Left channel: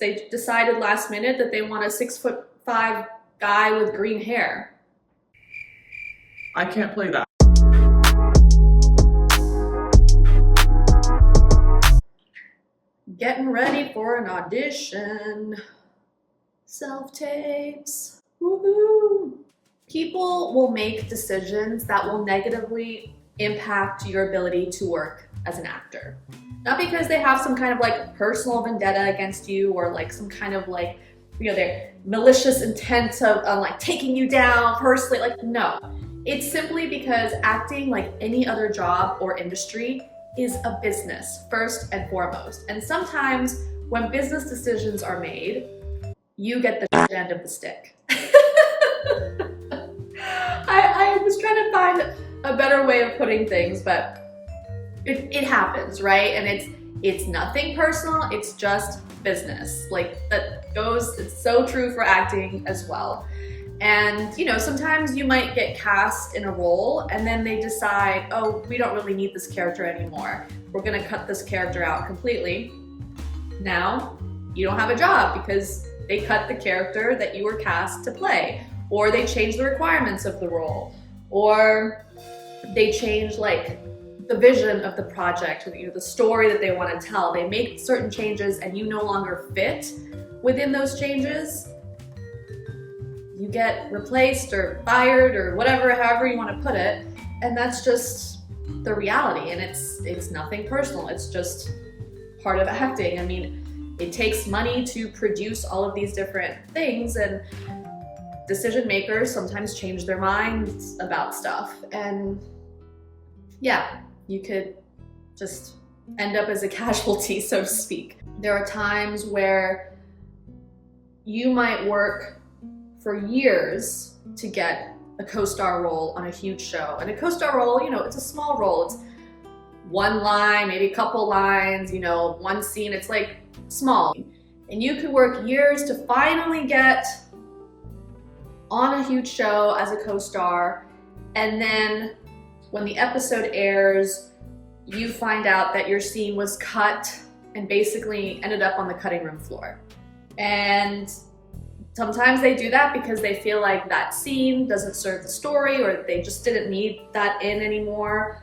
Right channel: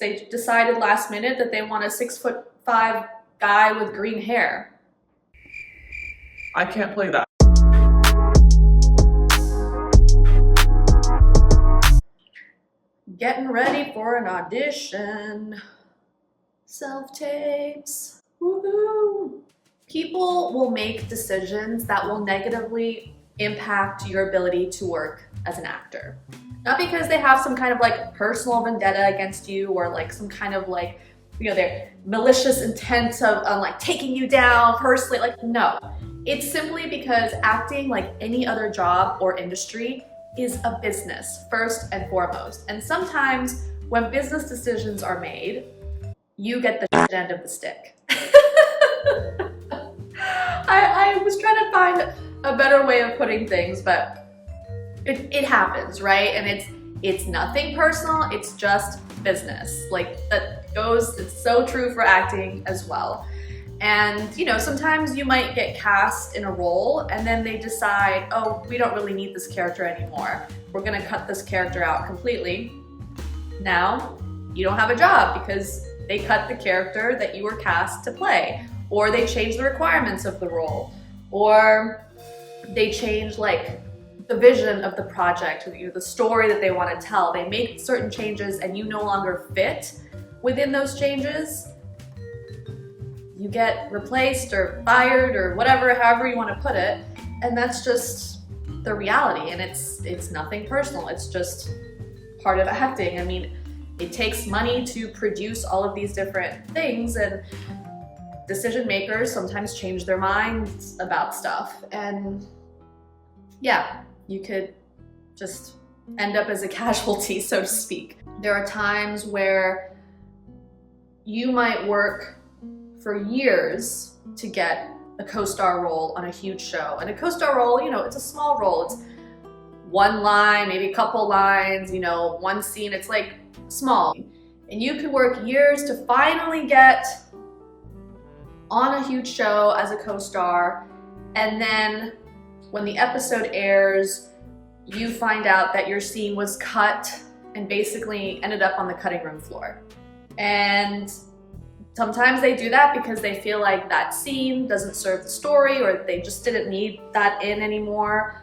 they decided last minute that they want a 6'5" guy with green hair. I can't play that. Getting ready for an audition. Self-tapes. Woohoo! People will make decisions that will negatively impact your ability to work as an actor. Not because they have some kind of like personal vendetta against you or like some kind of like, their malicious intent of like taking you down personally. Like, no. It's simply because acting, like any other job or industry, is a business first and foremost. And sometimes when business decisions are made, you get the shit end of the stick. I was trying to find a better way of putting things, but it happens, right? And it's nothing personal, it's just business. Like it's so true for acting as well. And sometimes you might get cast in a role and then they decide, oh, we don't really need this character anymore. We're gonna cut this character out completely. Now, you don't have a job because they cut the character that you were cast to play, or they change the requirements of the role, or they change like the vision of the project, or the story that they want to tell. They make certain changes and you no longer fit within those changes. You get replaced or fired or whatever, however you want to put it. And that's just the reality. And it's nothing personal. It's just part of acting. I mean, it takes money to produce all of these different things, and decision makers sometimes change their minds about stuff. And yeah, you could just end up as a casualty, so to speak. There are times where you might work for years to get a co-star role on a huge show. And a co-star role, it's a small role. It's one line, maybe a couple lines, one scene. It's like small. And you could work years to finally get on a huge show as a co-star. And then when the episode airs, you find out that your scene was cut and basically ended up on the cutting room floor. And sometimes they do that because they feel like that scene doesn't serve the story, or they just didn't need that in anymore,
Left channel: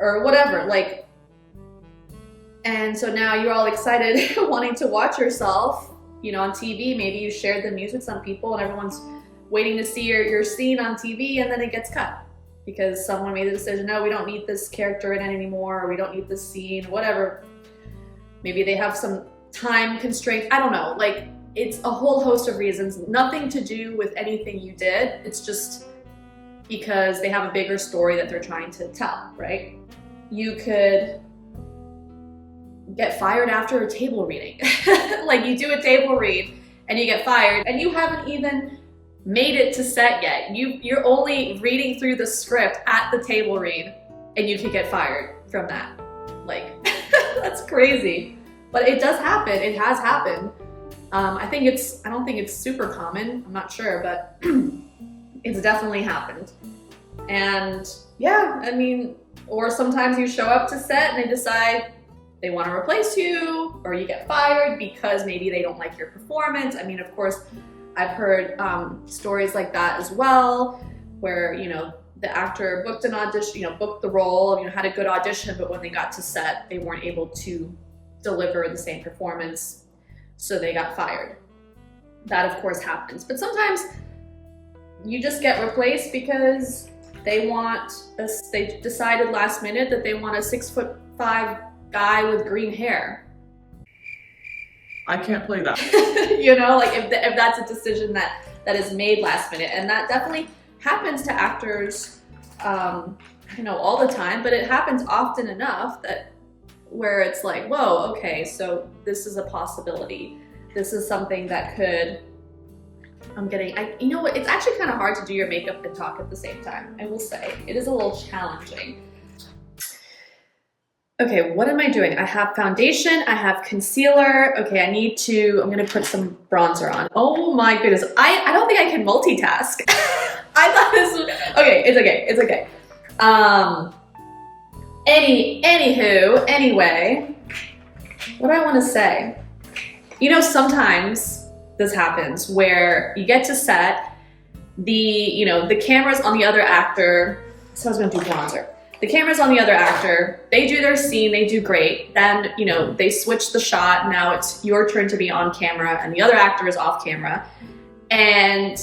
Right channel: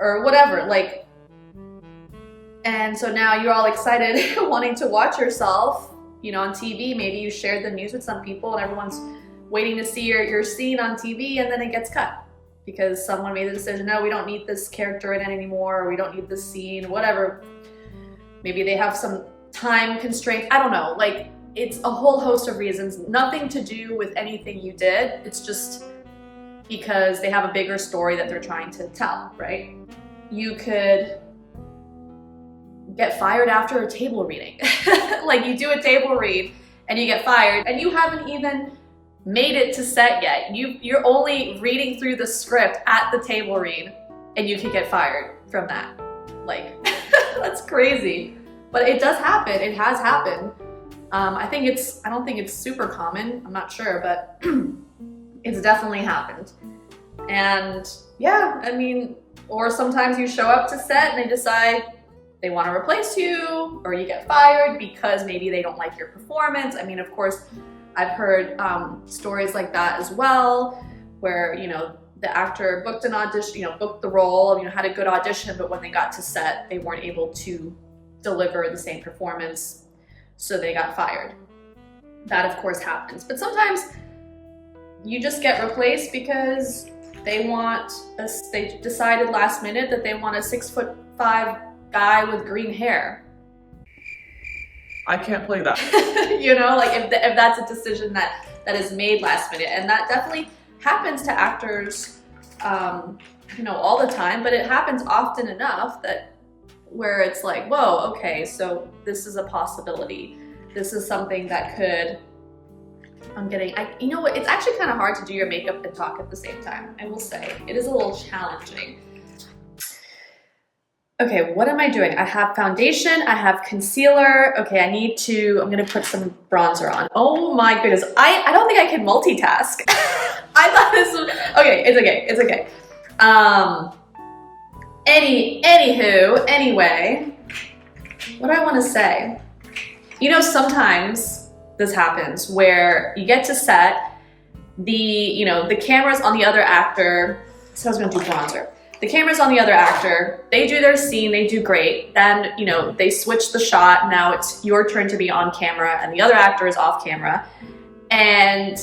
or whatever. And so now you're all excited wanting to watch yourself, on TV. Maybe you shared the news with some people and everyone's waiting to see your scene on TV, and then it gets cut because someone made the decision, no, we don't need this character in it anymore, or we don't need this scene, whatever. Maybe they have some time constraints. I don't know. It's a whole host of reasons, nothing to do with anything you did. It's just because they have a bigger story that they're trying to tell, right? You could get fired after a table reading. You do a table read and you get fired, and you haven't even made it to set yet. You're only reading through the script at the table read, and you could get fired from that. That's crazy. But it does happen. It has happened. I don't think it's super common. I'm not sure, but it's definitely happened. And yeah, or sometimes you show up to set and they decide they want to replace you, or you get fired because maybe they don't like your performance. Of course, I've heard stories like that as well, where, the actor booked an audition, booked the role, had a good audition, but when they got to set, they weren't able to deliver the same performance, so they got fired. That of course happens. But sometimes you just get replaced because they decided last minute that they want a 6'5" guy with green hair. I can't play that. If that's a decision that is made last minute. And that definitely happens to actors, all the time, but it happens often enough where it's like, whoa, okay, so this is a possibility. This is something that could, it's actually kind of hard to do your makeup and talk at the same time. I will say, it is a little challenging. Okay, what am I doing? I have foundation, I have concealer. Okay, I'm gonna put some bronzer on. Oh my goodness, I don't think I can multitask. I thought this was, okay, it's okay. Anyway, what do I want to say? You know, sometimes this happens where you get to set, the camera's on the other actor. So I was gonna do bronzer. The camera's on the other actor, they do their scene, they do great. Then, they switch the shot, now it's your turn to be on camera and the other actor is off camera. And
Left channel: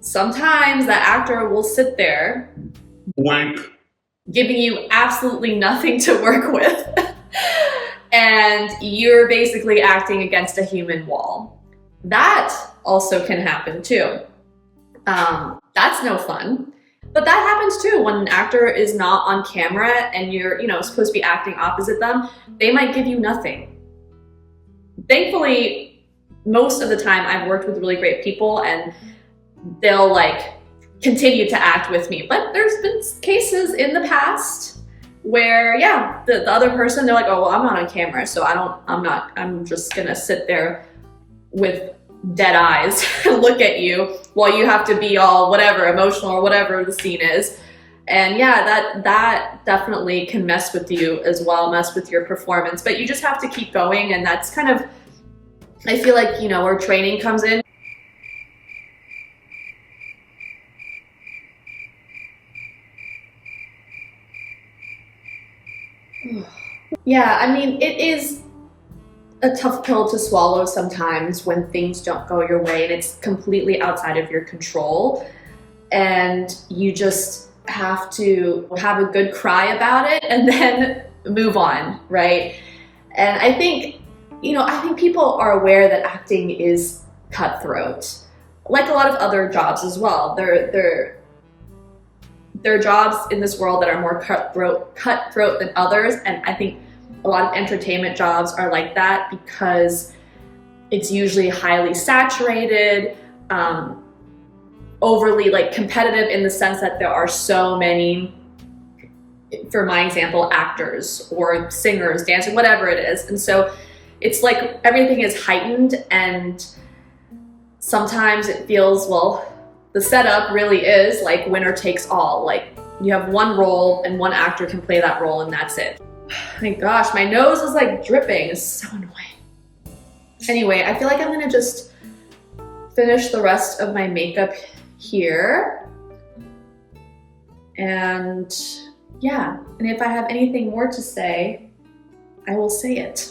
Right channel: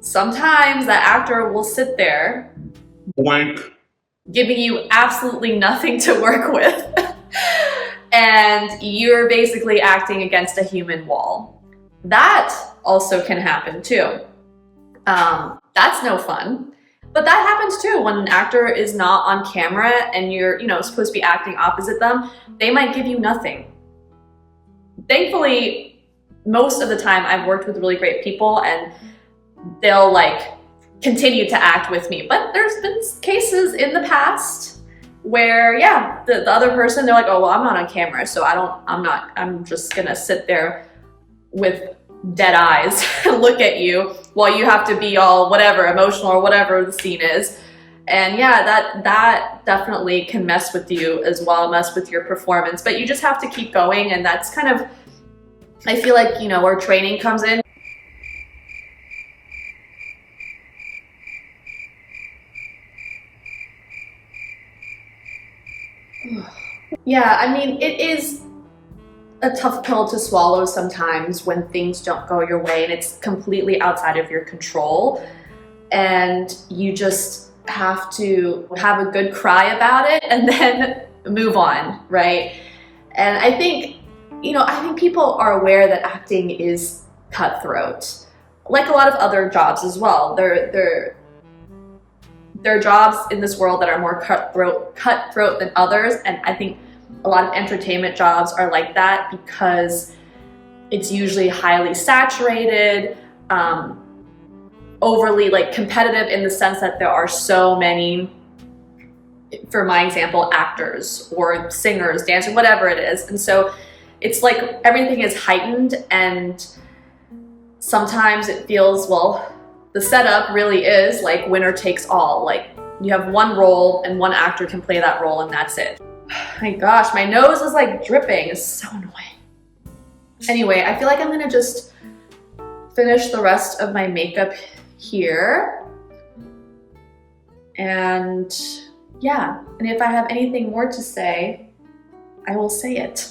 sometimes that actor will sit there Blank. giving you absolutely nothing to work with. And you're basically acting against a human wall. That also can happen too. That's no fun. But that happens too when an actor is not on camera and you're, supposed to be acting opposite them. They might give you nothing. Thankfully, most of the time I've worked with really great people and they'll continue to act with me. But there's been cases in the past where, the other person, they're like, oh, well, I'm not on camera, so I'm just gonna sit there with dead eyes and look at you while you have to be all whatever, emotional or whatever the scene is. And that definitely can mess with you as well, mess with your performance, but you just have to keep going. And that's kind of, I feel like, where training comes in. Yeah, I mean, it is a tough pill to swallow sometimes when things don't go your way and it's completely outside of your control. And you just have to have a good cry about it and then move on, right? And I think people are aware that acting is cutthroat, like a lot of other jobs as well. There are jobs in this world that are more cutthroat than others, and I think a lot of entertainment jobs are like that because it's usually highly saturated, overly competitive in the sense that there are so many, for my example, actors or singers, dancers, whatever it is. And so it's like everything is heightened, and sometimes it feels, well, the setup really is like winner takes all. Like you have one role and one actor can play that role and that's it. My gosh, my nose is dripping. It's so annoying. Anyway, I feel like I'm gonna just finish the rest of my makeup here. And and if I have anything more to say, I will say it.